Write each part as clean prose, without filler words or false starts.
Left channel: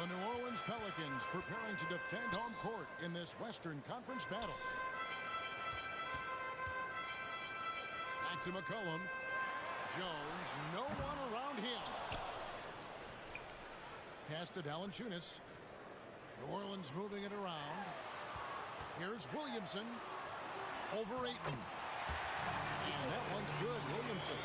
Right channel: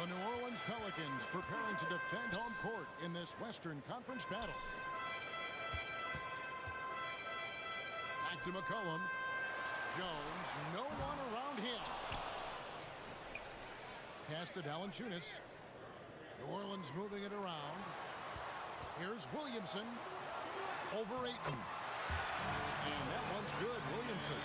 The New Orleans Pelicans preparing to defend home court in this Western Conference battle. Back to McCollum. Jones, no one around him. Pass to Valanciunas. New Orleans moving it around. Here's Williamson. Over Ayton. And that one's good, Williamson.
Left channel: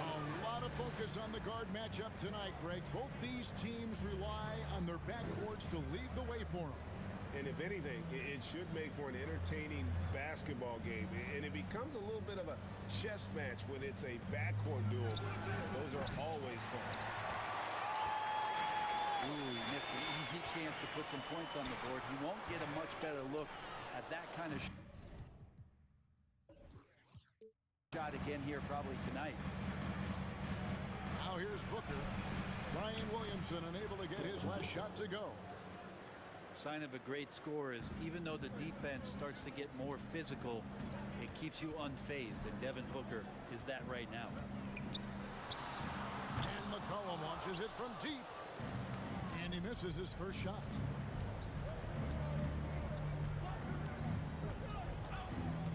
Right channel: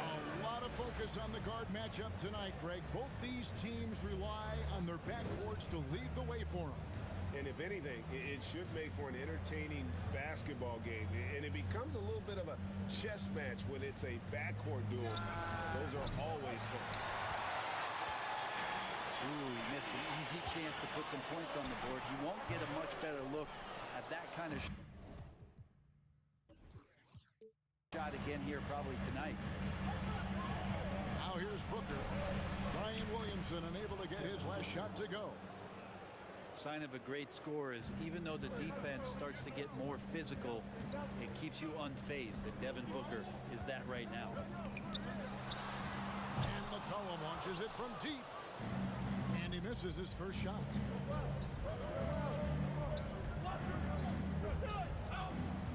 A lot of focus on the guard matchup tonight, Greg. Both these teams rely on their backcourts to lead the way for them. And if anything, it should make for an entertaining basketball game. And it becomes a little bit of a chess match when it's a backcourt duel. Those are always fun. Ooh, he missed an easy chance to put some points on the board. He won't get a much better look at that kind of shot again here probably tonight. Now here's Booker. Brian Williamson unable to get his last shot to go. Sign of a great score is even though the defense starts to get more physical, it keeps you unfazed, and Devin Booker is that right now. And McCollum launches it from deep. And he misses his first shot.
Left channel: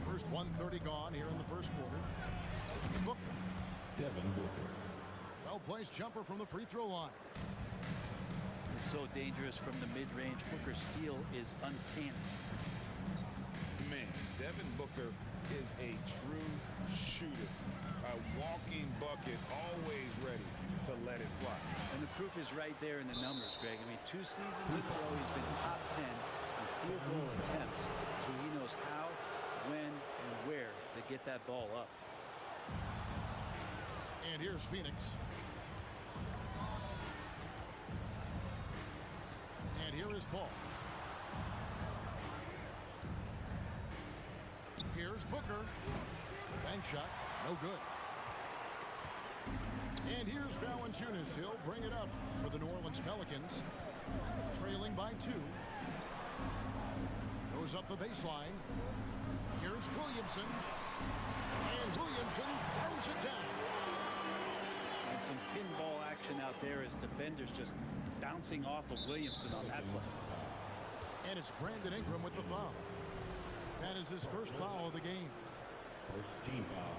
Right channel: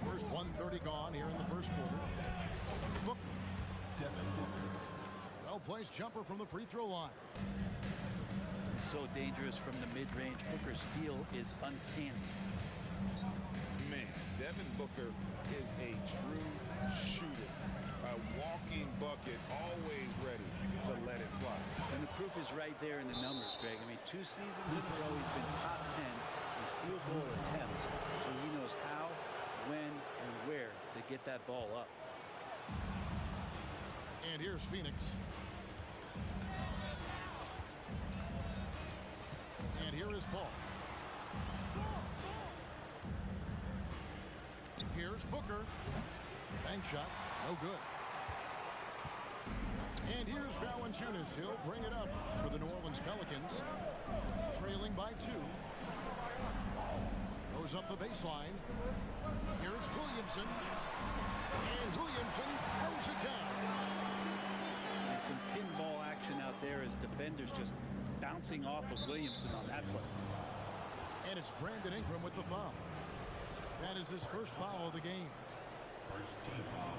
First 1:30 gone here in the first quarter. Booker. Devin Booker. Well-placed jumper from the free throw line. He's so dangerous from the mid-range. Booker's feel is uncanny. Man, Devin Booker is a true shooter. A walking bucket, always ready to let it fly. And the proof is right there in the numbers, Greg. I mean, 2 seasons in a row, he's been top 10 in field goal attempts. So he knows how, when, and where to get that ball up. And here's Phoenix. And here is Paul. Here's Booker. Bank shot, no good. And here's Valanciunas. He'll bring it up for the New Orleans Pelicans. Trailing by 2. Goes up the baseline. Here's Williamson. And Williamson throws it down. And some pinball action out there as defenders just bouncing off of Williamson on that play. And it's Brandon Ingram with the foul. That is his first foul of the game. First team foul.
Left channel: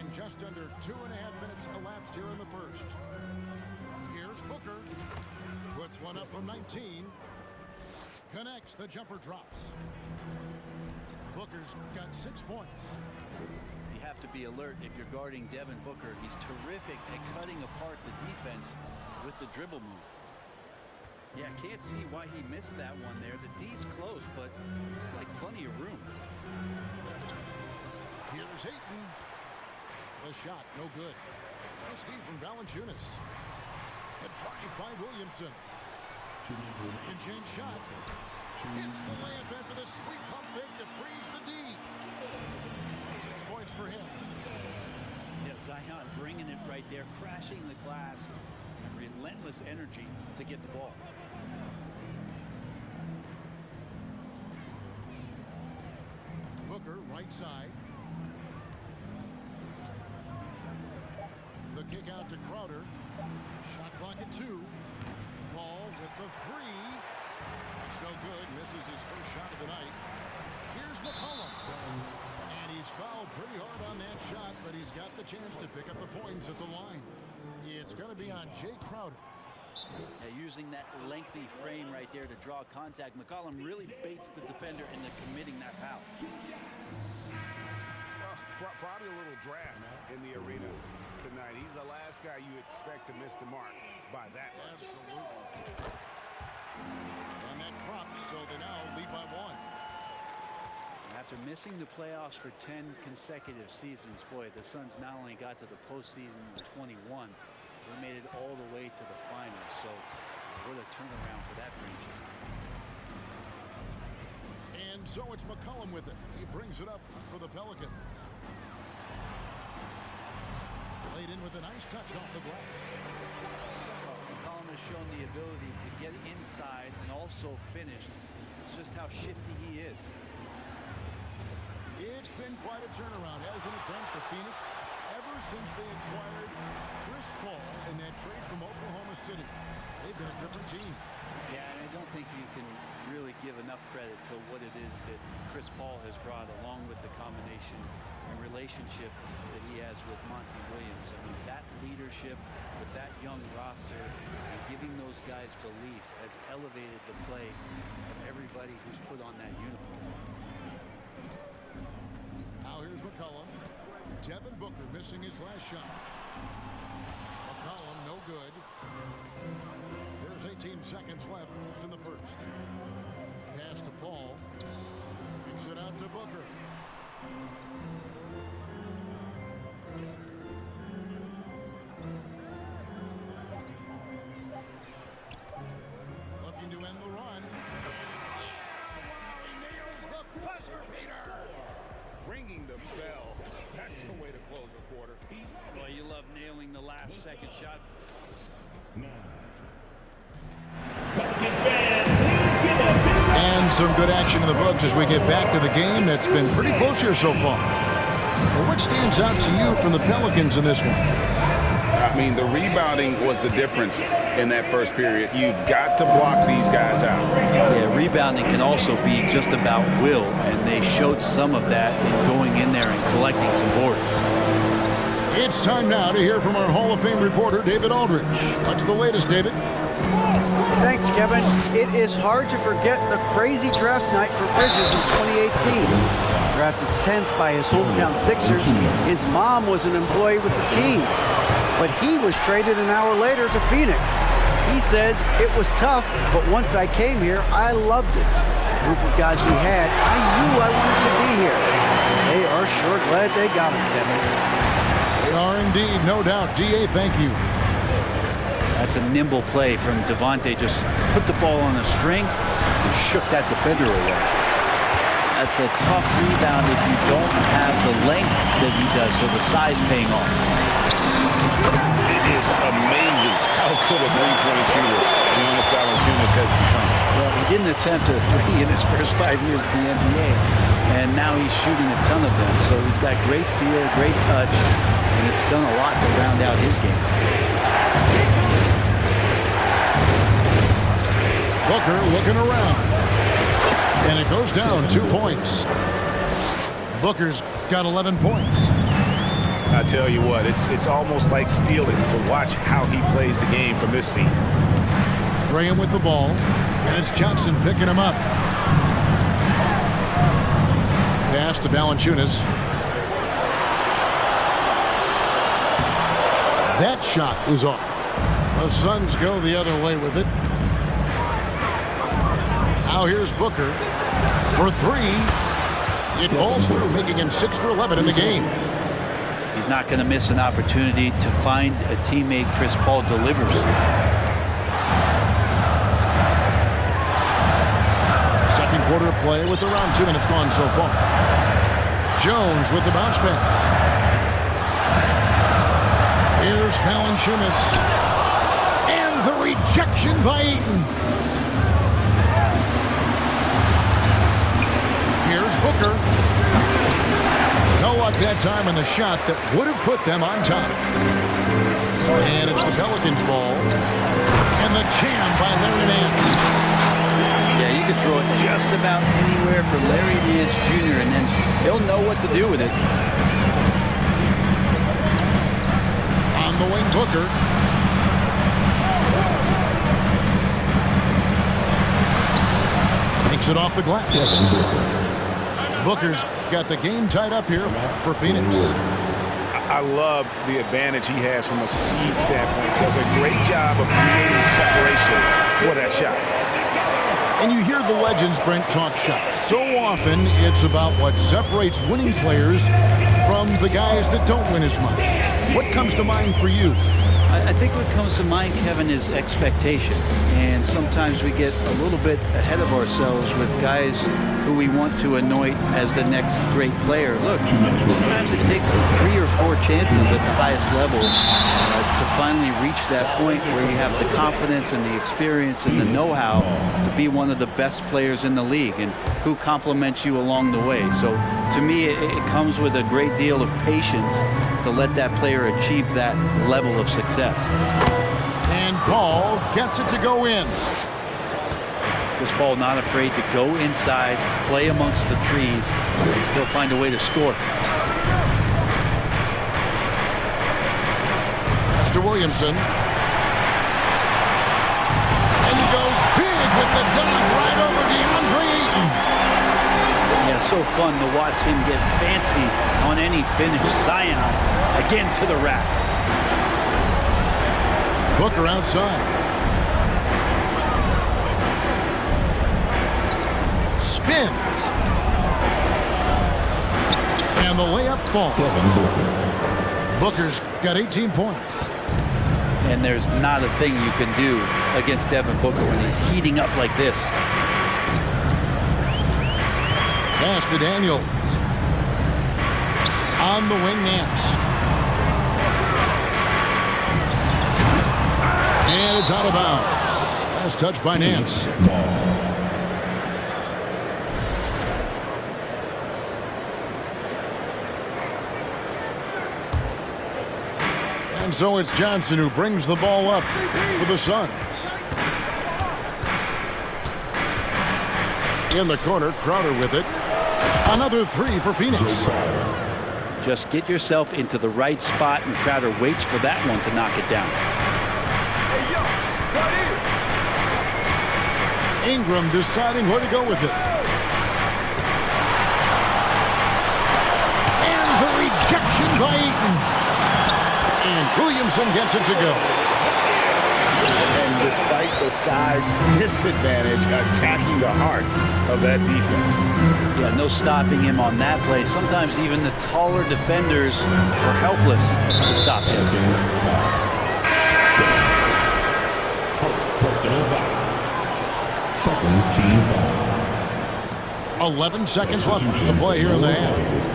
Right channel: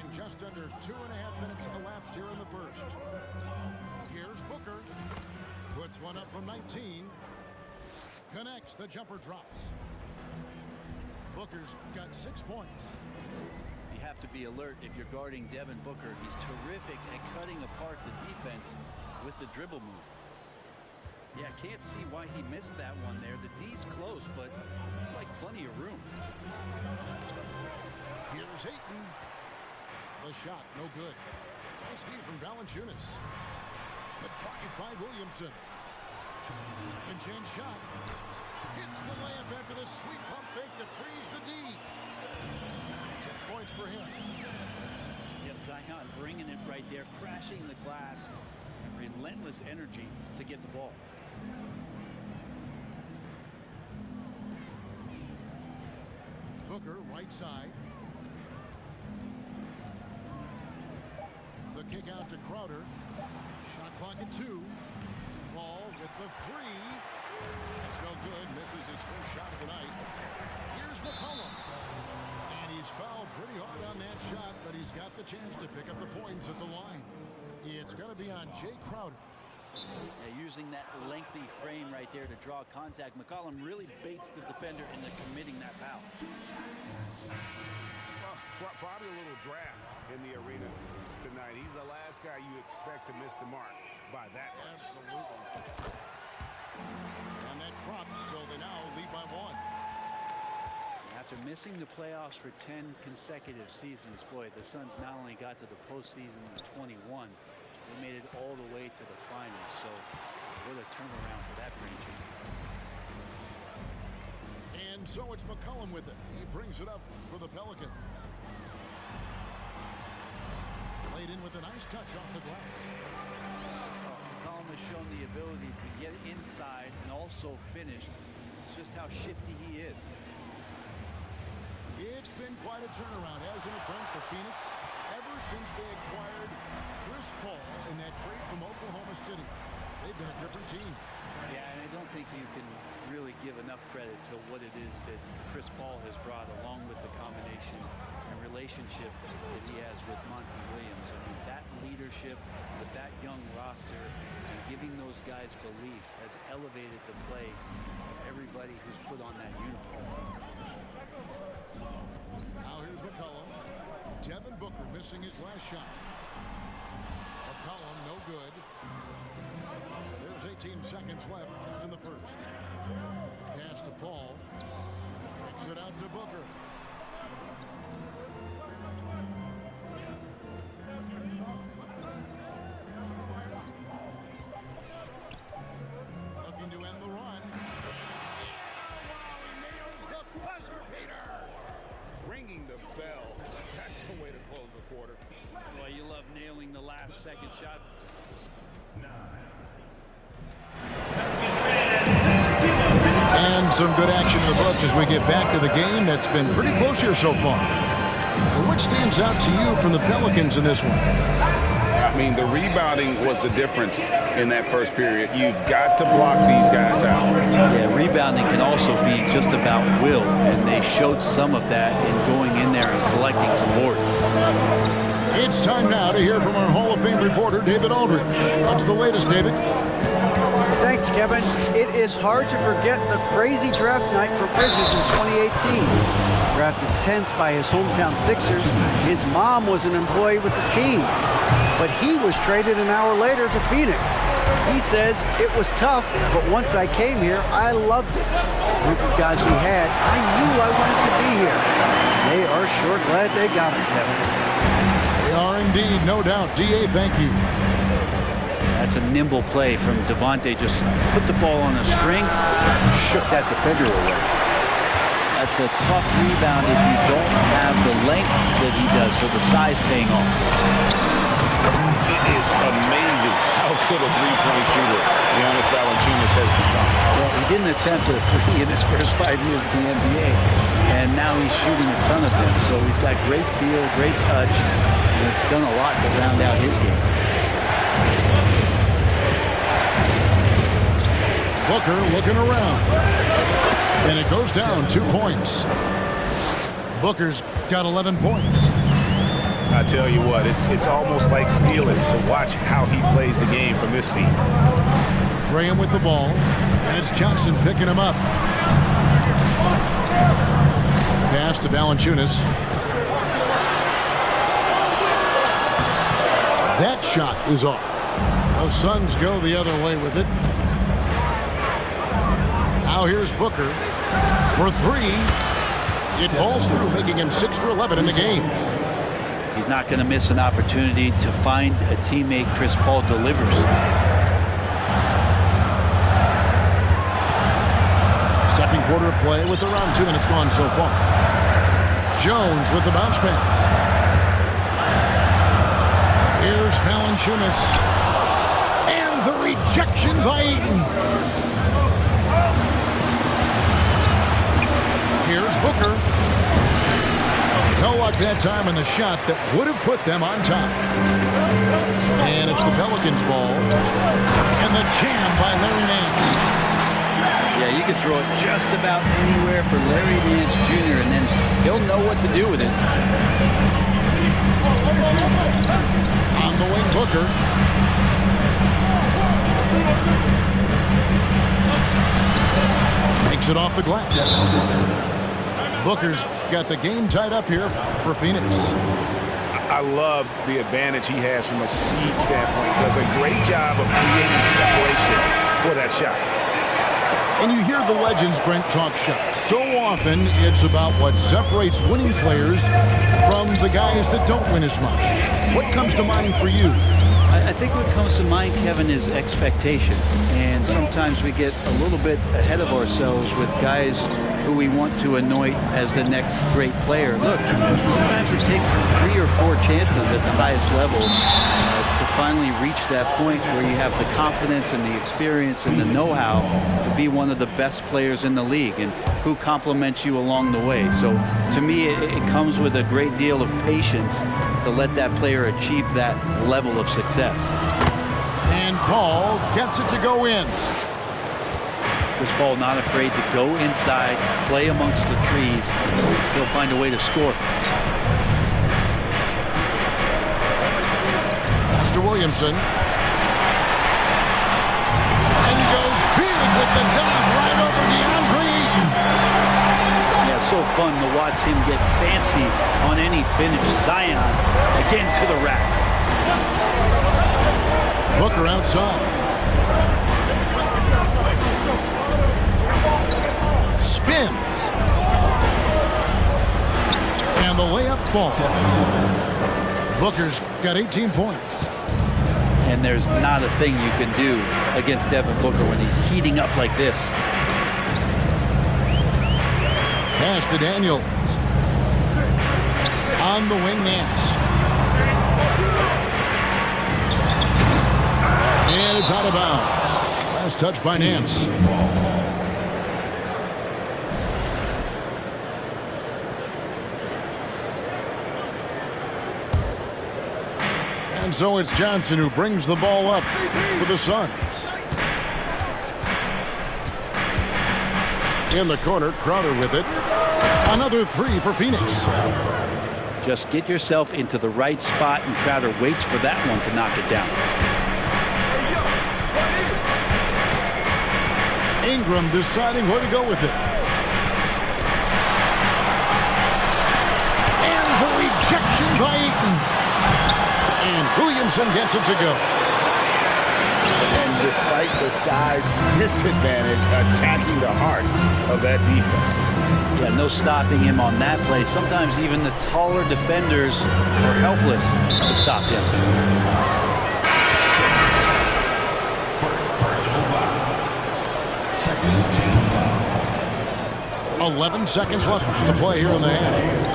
And just under 2.5 minutes elapsed here in the first. Here's Booker. Puts one up from 19. Connects, the jumper drops. Booker's got 6 points. You have to be alert if you're guarding Devin Booker. He's terrific at cutting apart the defense with the dribble move. Yeah, can't see why he missed that one there. The D's close, but like plenty of room. Here's Ayton. The shot, no good. Nice feed from Valanciunas. The drive by Williamson. Second chance shot. Hits the layup after the sweet pump fake to freeze the D. 6 points for him. Yeah, Zion bringing it right there, crashing the glass, and relentless energy to get the ball. Booker, right side. The kick out to Crowder. Shot clock at 2. Paul with the 3. That's no good. Misses his first shot of the night. Here's McCollum. And he's fouled pretty hard on that shot, but he's got the chance to pick up the points at the line. It's going to be on Jay Crowder. Yeah, using that lengthy frame right there to draw contact, McCollum really baits the defender into committing that foul. Probably a little draft in the arena tonight. He's the last guy you expect to miss the mark by that much. Absolutely. And that drops, so they now lead by 1. After missing the playoffs for 10 consecutive seasons, boy, the Suns not only got to the postseason in 21, they made it all the way to the finals. So what a turnaround for that franchise. And so it's McCollum with it. He brings it up for the Pelicans. Laid in with a nice touch off the glass. McCollum has shown the ability to get inside and also finish. It's just how shifty he is. It's been quite a turnaround, hasn't it, Brent, for Phoenix? Ever ever since they acquired Chris Paul in that trade from Oklahoma City, they've been a different team. Yeah, and I don't think you can really give enough credit to what it is that Chris Paul has brought, along with the combination and relationship that he has with Monty Williams. I mean, that leadership with that young roster and giving those guys belief has elevated the play of everybody who's put on that uniform. Now here's McCollum. Devin Booker missing his last shot. McCollum no good. There's 18 seconds left in the first. Pass to Paul. Kicks it out to Booker. Looking to end the run. And it's, wow, he nails the buzzer beater. Ringing the bell. That's the way to close a quarter. Well, you love nailing the last second shot. 9. And some good action in the books as we get back to the game that's been pretty close here so far. But what stands out to you from the Pelicans in this one? I mean, the rebounding was the difference in that first period. You've got to block these guys out. Yeah, rebounding can also be just about will, and they showed some of that in going in there and collecting some boards. It's time now to hear from our Hall of Fame reporter, David Aldridge. What's the latest, David? Thanks, Kevin. It is hard to forget the crazy draft night for Bridges in 2018. Drafted 10th by his hometown Sixers, his mom was an employee with the team. But he was traded an hour later to Phoenix. He says, it was tough, but once I came here, I loved it. The group of guys we had, I knew I wanted to be here. They are sure glad they got him, Kevin. They are indeed, no doubt. D.A., thank you. That's a nimble play from Devontae. Just put the ball on a string, shook that defender away. That's a tough rebound if you don't have the length that he does, so the size paying off. It is amazing how good a three-point shooter Jonas Valanciunas has become. Well, he didn't attempt a three in his first 5 years at the NBA, and now he's shooting a ton of them. So he's got great feel, great touch, and it's done a lot to round out his game. Booker looking around. And it goes down 2 points. Booker's got 11 points. I tell you what, it's almost like stealing to watch how he plays the game from this seat. Graham with the ball, and it's Johnson picking him up. Pass to Valanciunas. That shot is off. The Suns go the other way with it. Now here's Booker for three. It balls through, making him 6 for 11 in the game. He's not going to miss an opportunity to find a teammate Chris Paul delivers. Second quarter of play with around 2 minutes gone so far. Jones with the bounce pass. Here's Valanciunas. And the rejection by Ayton. Here's Booker. No luck that time on the shot that would have put them on top. And it's the Pelicans' ball. And the jam by Larry Nance. Yeah, you could throw it just about anywhere for Larry Nance Jr., and then he'll know what to do with it. On the wing, Booker. Makes it off the glass. Booker's got the game tied up here for Phoenix. I love the advantage he has from a speed standpoint. Does a great job of creating separation for that shot. And you hear the legends, Brent, talk shots. So often it's about what separates winning players from the guys that don't win as much. What comes to mind for you? I think what comes to mind, Kevin, is expectation. And sometimes we get a little bit ahead of ourselves with guys who we want to anoint as the next great player. Look, sometimes it takes 3 or 4 chances at the highest level to finally reach that point where you have the confidence and the experience and the know-how to be one of the best players in the league, and who compliments you along the way. So to me, it comes with a great deal of patience to to let that player achieve that level of success. And Paul gets it to go in. Chris Paul not afraid to go inside, play amongst the trees, and still find a way to score. Pass to Williamson. And he goes big with the dunk right over DeAndre Ayton. Yeah, so fun to watch him get fancy on any finish. Zion again to the rack. Booker outside. Spins. And the layup falls. Booker's got 18 points. And there's not a thing you can do against Devin Booker when he's heating up like this. Pass to Daniels. On the wing, Nance. And it's out of bounds. Last touch by Nance. And so it's Johnson who brings the ball up for the Suns. In the corner, Crowder with it. Another three for Phoenix. Just get yourself into the right spot, and Crowder waits for that one to knock it down. Ingram deciding where to go with it. And the rejection by Ayton. And Williamson gets it to go. And despite the size disadvantage, attacking the heart of that defense. Yeah, no stopping him on that play. Sometimes even the taller defenders are helpless to stop him. Personal foul. Second team foul. 11 seconds left to play here in the half.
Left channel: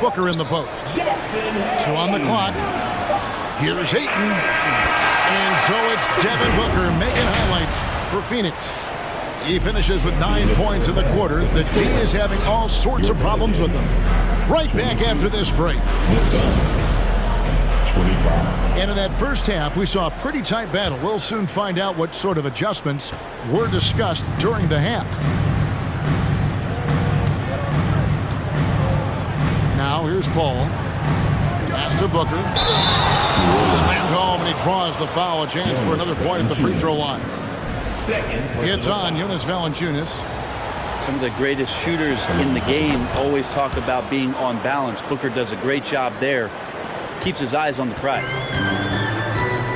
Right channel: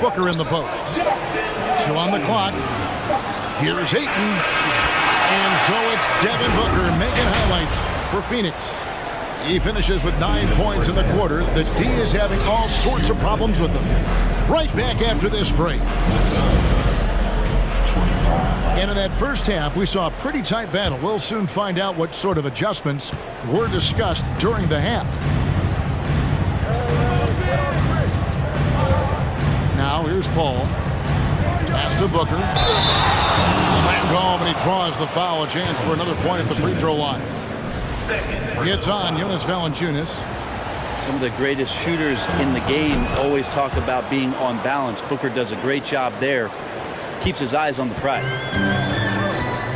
Booker in the post. 2 on the clock. Here's Ayton. And so it's Devin Booker making highlights for Phoenix. He finishes with 9 points in the quarter. The D is having all sorts of problems with him. Right back after this break. 25. And in that first half, we saw a pretty tight battle. We'll soon find out what sort of adjustments were discussed during the half. Now here's Paul. Pass to Booker. Slammed home, and he draws the foul. A chance for another point at the free throw line. It's on Jonas Valanciunas. Some of the greatest shooters in the game always talk about being on balance. Booker does a great job there. Keeps his eyes on the prize.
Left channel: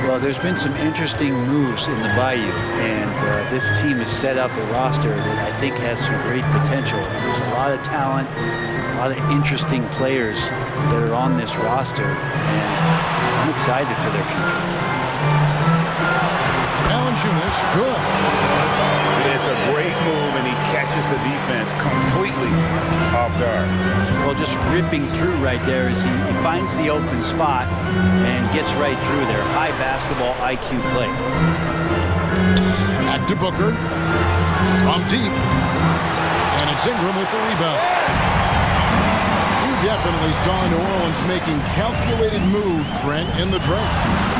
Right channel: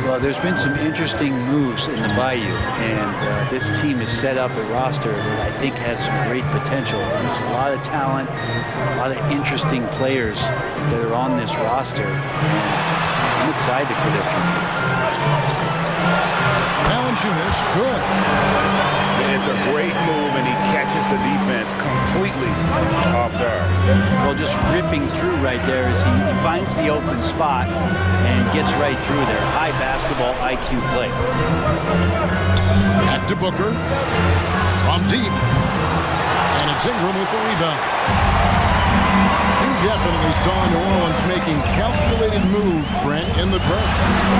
Well, there's been some interesting moves in the Bayou, and this team has set up a roster that I think has some great potential. There's a lot of talent, a lot of interesting players that are on this roster, and I'm excited for their future. Valanciunas, good. It's a great move, and he catches the defense completely off guard. Well, just ripping through right there as he finds the open spot and gets right through there. High basketball IQ play. Back to Booker. From deep. And it's Ingram with the rebound. You definitely saw New Orleans making calculated moves, Brent, in the trade.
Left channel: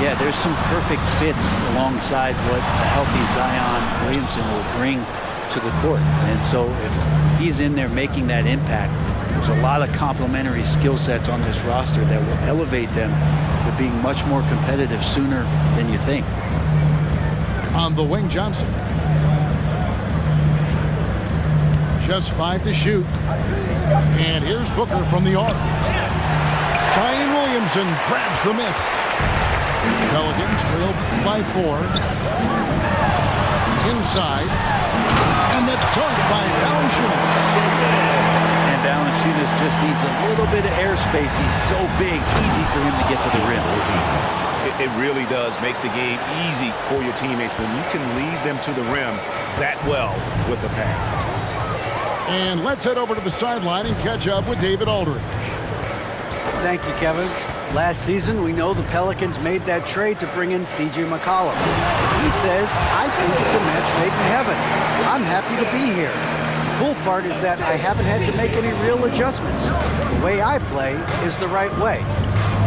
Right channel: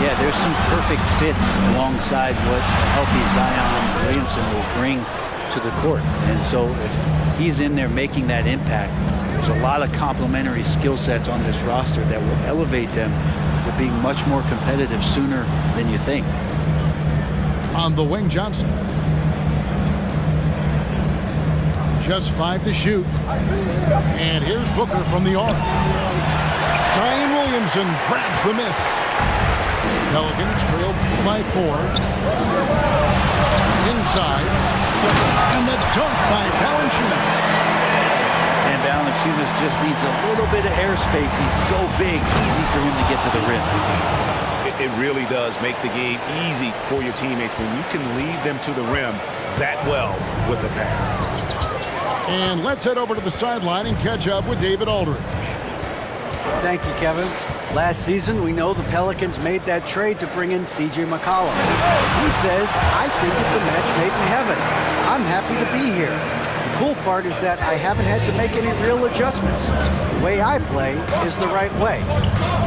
Yeah, there's some perfect fits alongside what a healthy Zion Williamson will bring to the court. And so if he's in there making that impact, there's a lot of complementary skill sets on this roster that will elevate them to being much more competitive sooner than you think. On the wing, Johnson. Just 5 to shoot. And here's Booker from the arc. Zion Williamson grabs the miss. Pelicans trail by 4. Inside. And the dunk by Valanciunas. And Valanciunas just needs a little bit of airspace. He's so big, easy for him to get to the rim. It really does make the game easy for your teammates when you can lead them to the rim that well with a pass. And let's head over to the sideline and catch up with David Aldridge. Thank you, Kevin. Last season, we know the Pelicans made that trade to bring in C.J. McCollum. He says, I think it's a match made in heaven. I'm happy to be here. cool part is that I haven't had to make any real adjustments. The way I play is the right way.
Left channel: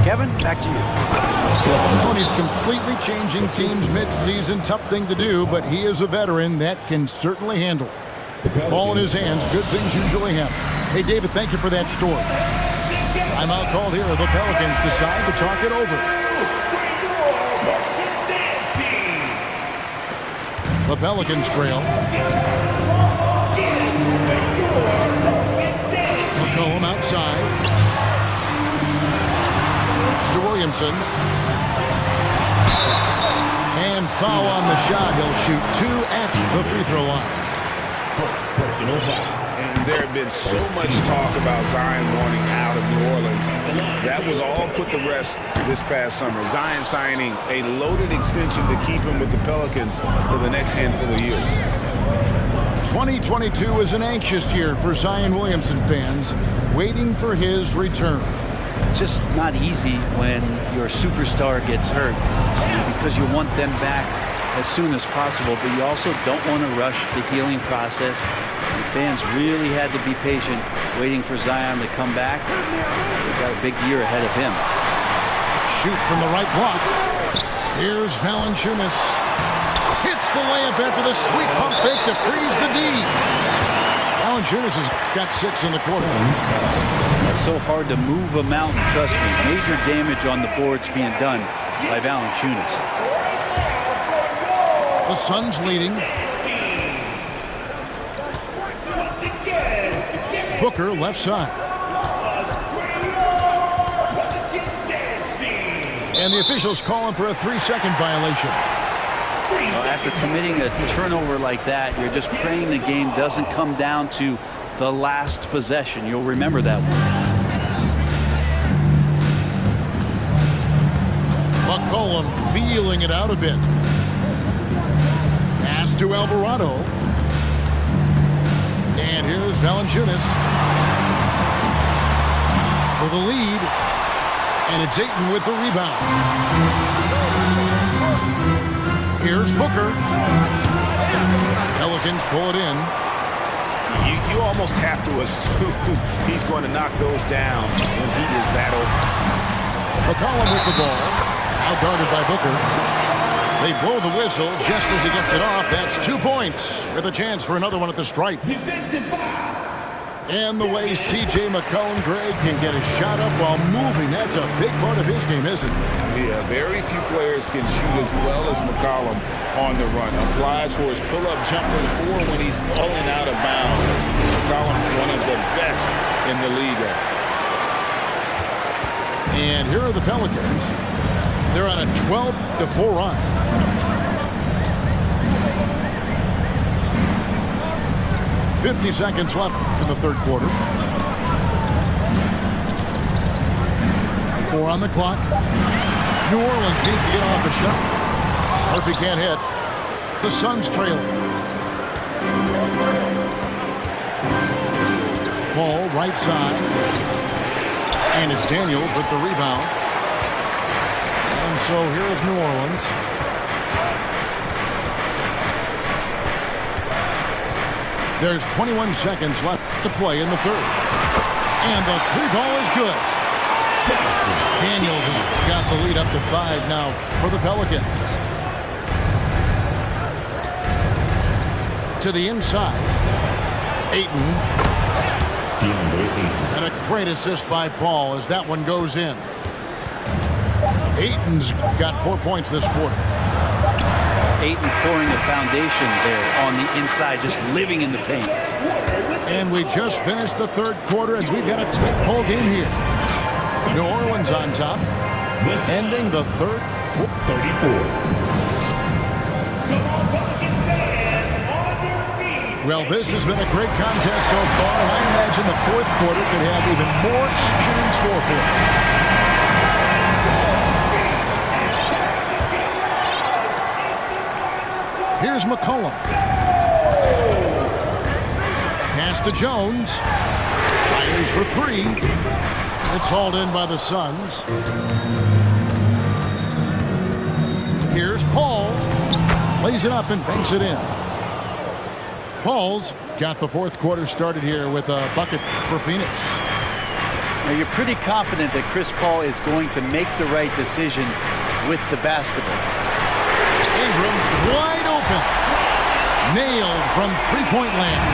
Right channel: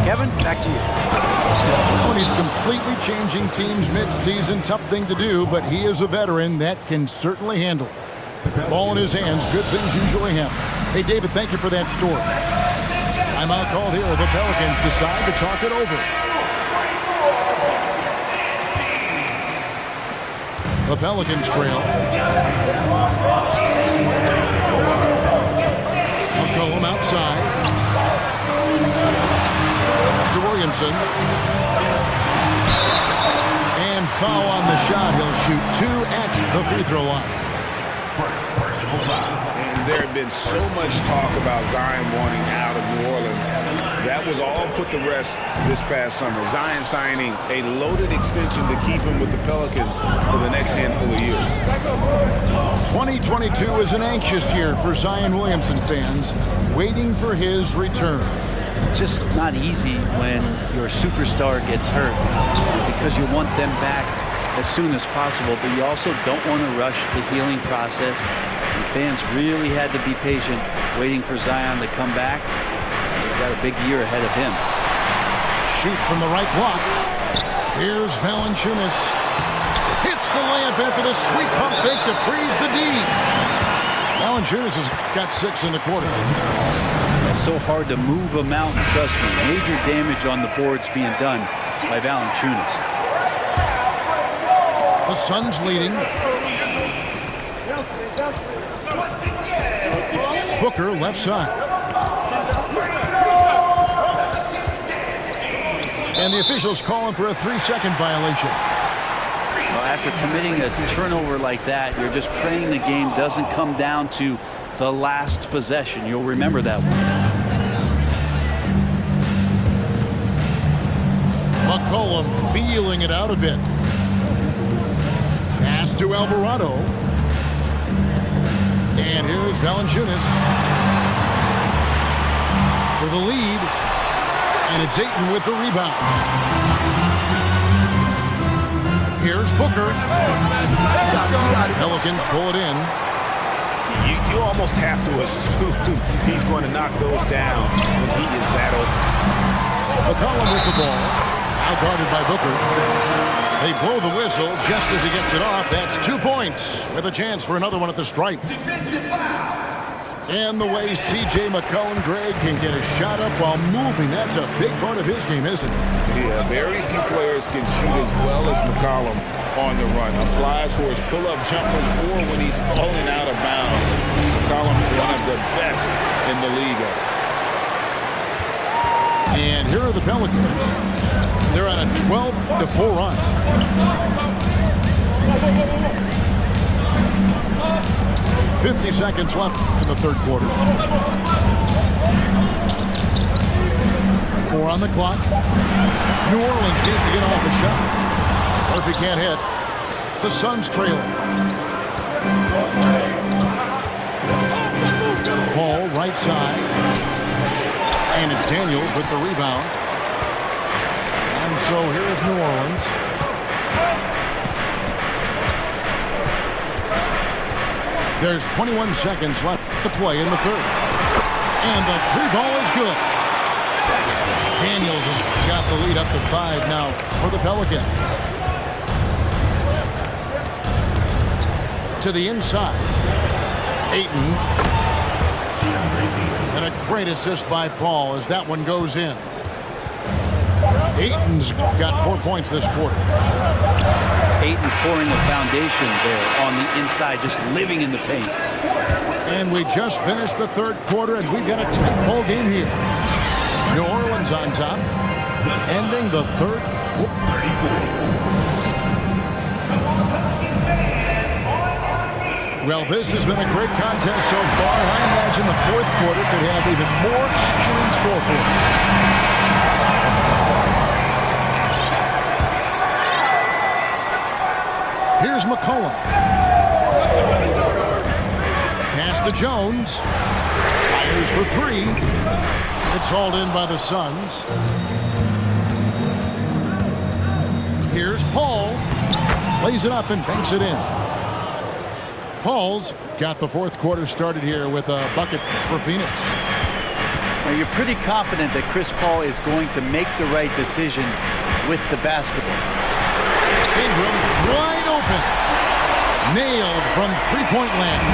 Kevin, back to you. Well, and he's completely changing teams mid-season. Tough thing to do, but he is a veteran that can certainly handle it. Ball in his hands, good things usually happen. Hey, David, thank you for that story. Timeout called here. The Pelicans decide to talk it over. The Pelicans trail. McCollum outside. To Williamson. And foul on the shot. He'll shoot 2 at the free throw line. Personal foul. And there had been so much talk about Zion wanting out of New Orleans. That was all put to rest this past summer. Zion signing a loaded extension to keep him with the Pelicans for the next handful of years. 2022 is an anxious year for Zion Williamson fans, waiting for his return. Just not easy when your superstar gets hurt, because you want them back as soon as possible, but you also don't want to rush the healing process. And fans really had to be patient waiting for Zion to come back. They've got a big year ahead of him. Shoots from the right block. Here's Valanciunas. Hits the layup after the sweet pump fake to freeze the D. Valanciunas has got 6 in the quarter. It's so hard to move a mountain, trust me. Major damage on the boards being done by Valanciunas. The Suns leading. Booker left side. And the officials calling for a 3-second violation. Well, after committing a turnover like that, you're just praying the game doesn't come down to the last possession. You'll remember that one. McCollum feeling it out a bit. Pass to Alvarado. And here's Valanciunas for the lead. And it's Ayton with the rebound. Here's Booker. Pelicans pull it in. You almost have to assume he's going to knock those down when he is that open. McCollum with the ball. Now guarded by Booker. They blow the whistle just as he gets it off. That's 2 points with a chance for another one at the stripe. And the way C.J. McCollum, Greg, can get a shot up while moving, that's a big part of his game, isn't it? Yeah, very few players can shoot as well as McCollum on the run. Applies for his pull-up jumpers or when he's falling out of bounds. McCollum, one of the best in the league at it. And here are the Pelicans. They're on a 12-4 run. .50 seconds left in the third quarter. 4 on the clock. New Orleans needs to get off a shot. Murphy can't hit. The Suns trailing. Paul right side. And it's Daniels with the rebound. And so here is New Orleans. There's 21 seconds left to play in the third. And the 3-ball is good. Daniels has got the lead up to 5 now for the Pelicans. To the inside. Ayton. And a great assist by Paul as that one goes in. Ayton's got 4 points this quarter. Ayton pouring a foundation there on the inside, just living in the paint. And we just finished the third quarter, and we've got a tight ball game here. New Orleans on top, ending the third. 34. Well, this has been a great contest so far. I imagine the fourth quarter could have even more action in store for us. Here's McCollum. Pass to Jones. Fires for 3. It's hauled in by the Suns. Here's Paul. Lays it up and banks it in. Paul's got the fourth quarter started here with a bucket for Phoenix. Now you're pretty confident that Chris Paul is going to make the right decision with the basketball. Ingram wide open. Nailed from three-point land.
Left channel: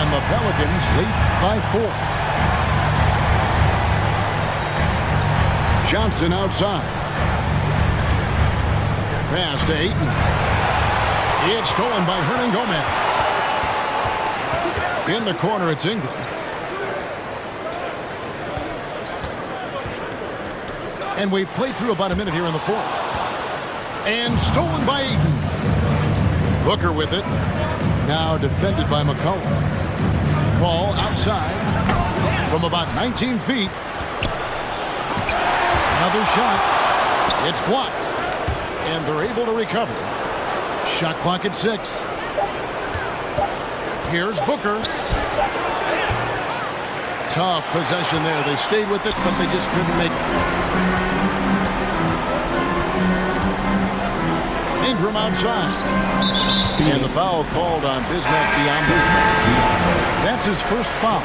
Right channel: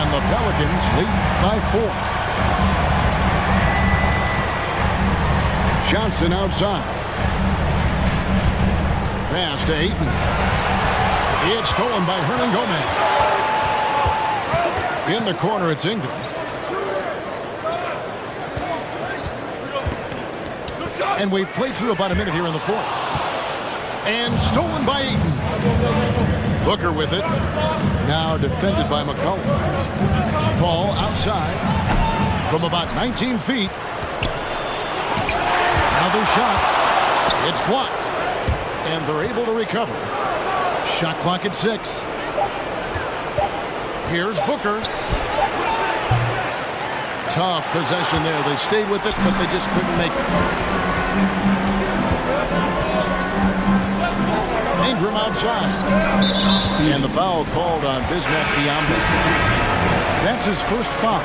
And the Pelicans lead by 4. Johnson outside. Pass to Ayton. It's stolen by Hernan Gomez. In the corner, it's Ingram. And we've played through about a minute here in the fourth. And stolen by Ayton. Booker with it. Now defended by McCollum. Paul outside from about 19 feet. Another shot. It's blocked. And they're able to recover. Shot clock at 6. Here's Booker. Tough possession there. They stayed with it, but they just couldn't make it. Ingram outside. And the foul called on Bismack Biyombo. That's his first foul.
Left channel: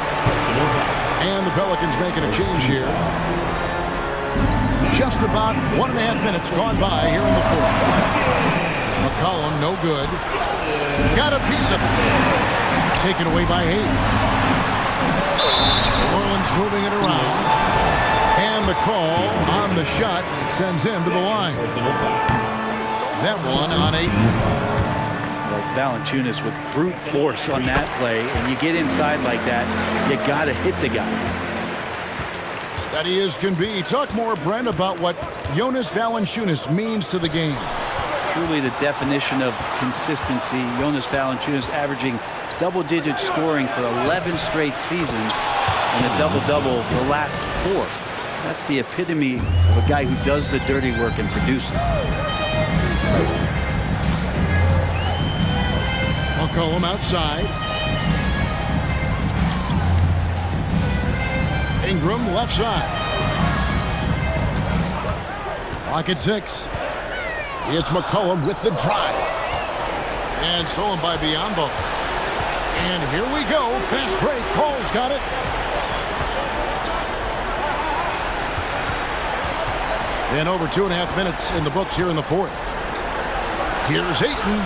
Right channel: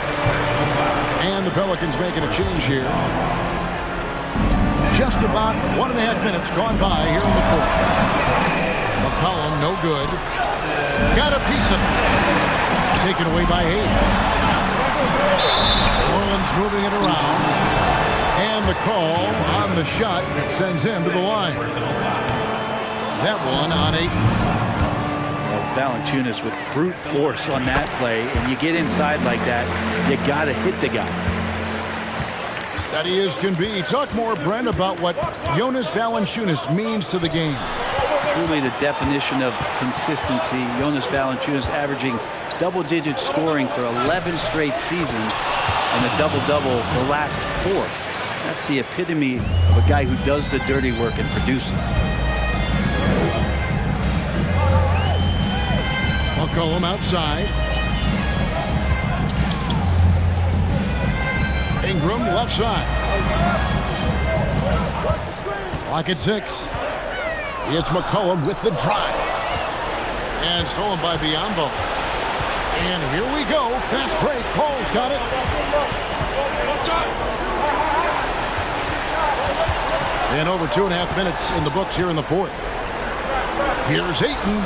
And the Pelicans making a change here. Just about 1.5 minutes gone by here in the fourth. McCollum, no good. Got a piece of it. Taken away by Hayes. New Orleans moving it around. And the call on the shot that sends him to the line. That one on Ayton. Well, Valanciunas with brute force on that play, and you get inside like that, you got to hit the guy. Steady as can be. Talk more, Brent, about what Jonas Valanciunas means to the game. Truly the definition of consistency. Jonas Valanciunas averaging double-digit scoring for 11 straight seasons and a double-double the last 4. That's the epitome of a guy who does the dirty work and produces. McCollum outside. Ingram left side. Clock at 6. It's McCollum with the drive. And stolen by Biyombo. And here we go. Fast break. Paul's got it. And over 2.5 minutes in the books here in the fourth. Here's Ayton.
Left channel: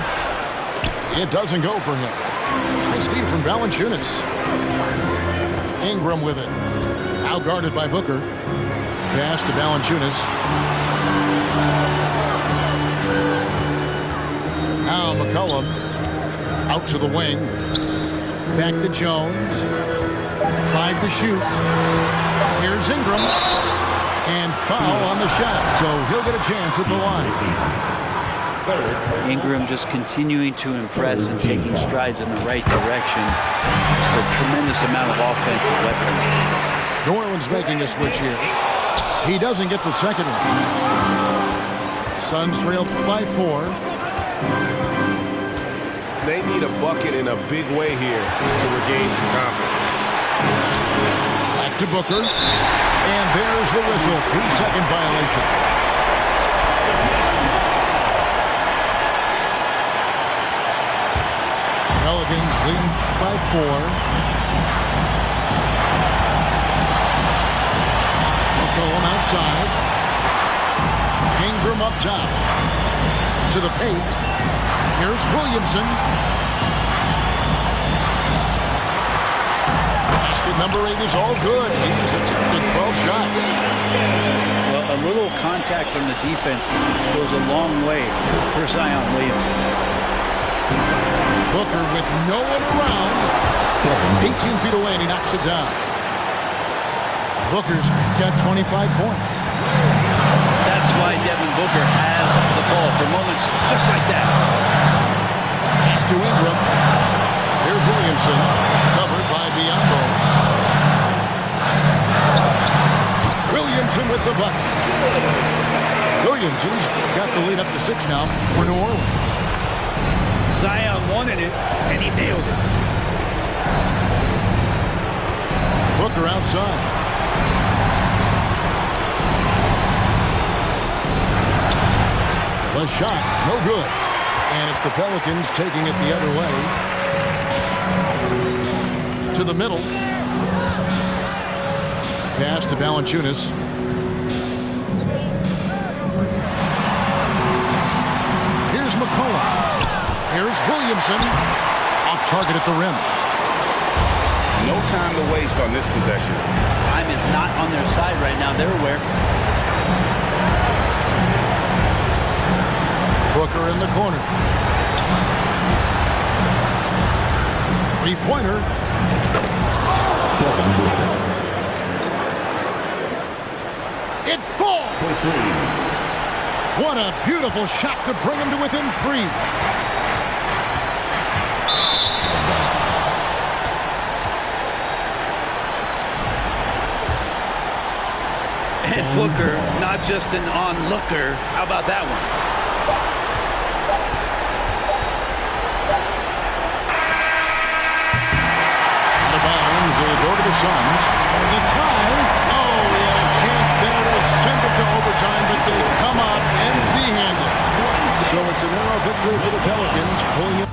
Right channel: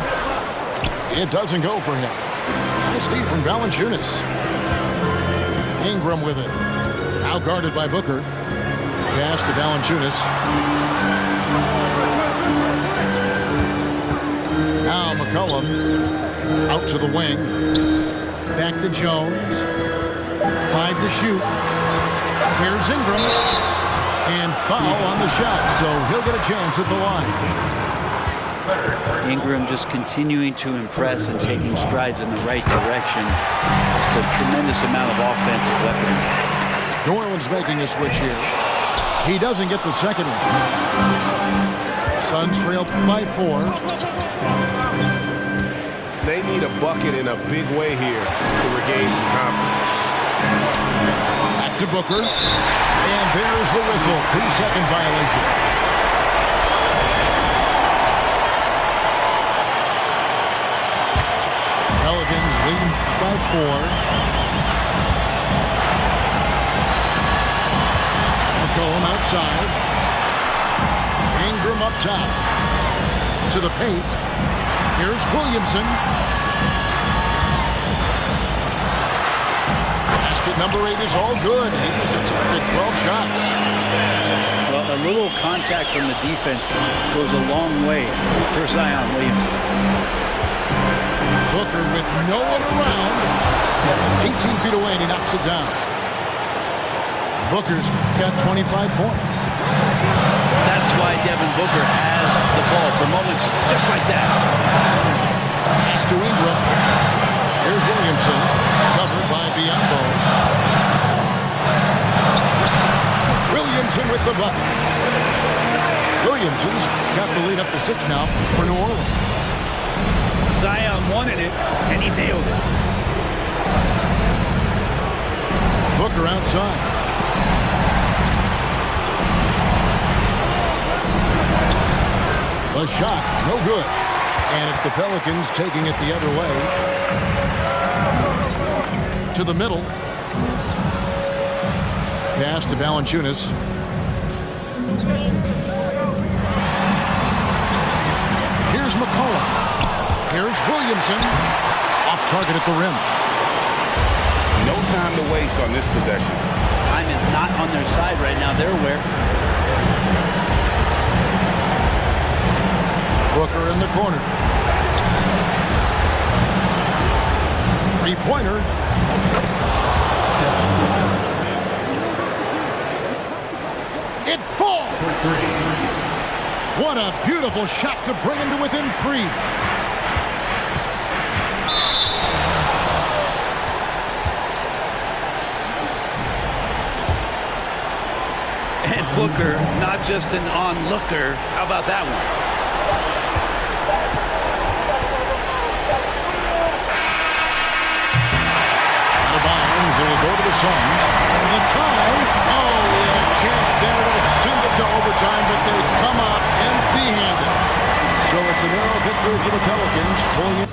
It doesn't go for him. Nice feed from Valanciunas. Ingram with it. Now guarded by Booker. Pass to Valanciunas. Now McCollum out to the wing. Back to Jones. 5 to shoot. Here's Ingram. And foul on the shot, so he'll get a chance at the line. Ingram just continuing to impress and taking strides in the right direction. Just a tremendous amount of offensive weaponry. New Orleans making a switch here. He doesn't get the second one. Suns trail by 4. They need a bucket in a big way here to regain some confidence. Back to Booker. And there's the whistle. 3-second violation. Pelicans leading by 4. McCollum outside. Ingram up top. To the paint. Here's Williamson. Basket number 8 is all good. He's attempted 12 shots. Well, a little contact from the defense goes a long way for Zion Williamson. Booker with no one around. 18 feet away, and he knocks it down. Booker's got 25 points. That's why Devin Booker has the ball for moments just like that. Pass to Ingram. Here's Williamson, covered by Biyombo. Williamson with the bucket. Williamson's got the lead up to 6 now for New Orleans. Zion wanted it, and he nailed it. Booker outside. The shot, no good. And it's the Pelicans taking it the other way. To the middle. Pass to Valanciunas. Here's McCollum. Here's Williamson. Off target at the rim. No time to waste on this possession. Time is not on their side right now. They're aware. Booker in the corner. Three-pointer. Devin Booker. It falls. For three. What a beautiful shot to bring him to within 3. And Booker, not just an onlooker. How about that one? Out of bounds, it'll go to the Suns for the tie. Oh, he had a chance there to send it to overtime, but they come up empty-handed. So it's a narrow victory for the Pelicans, pulling it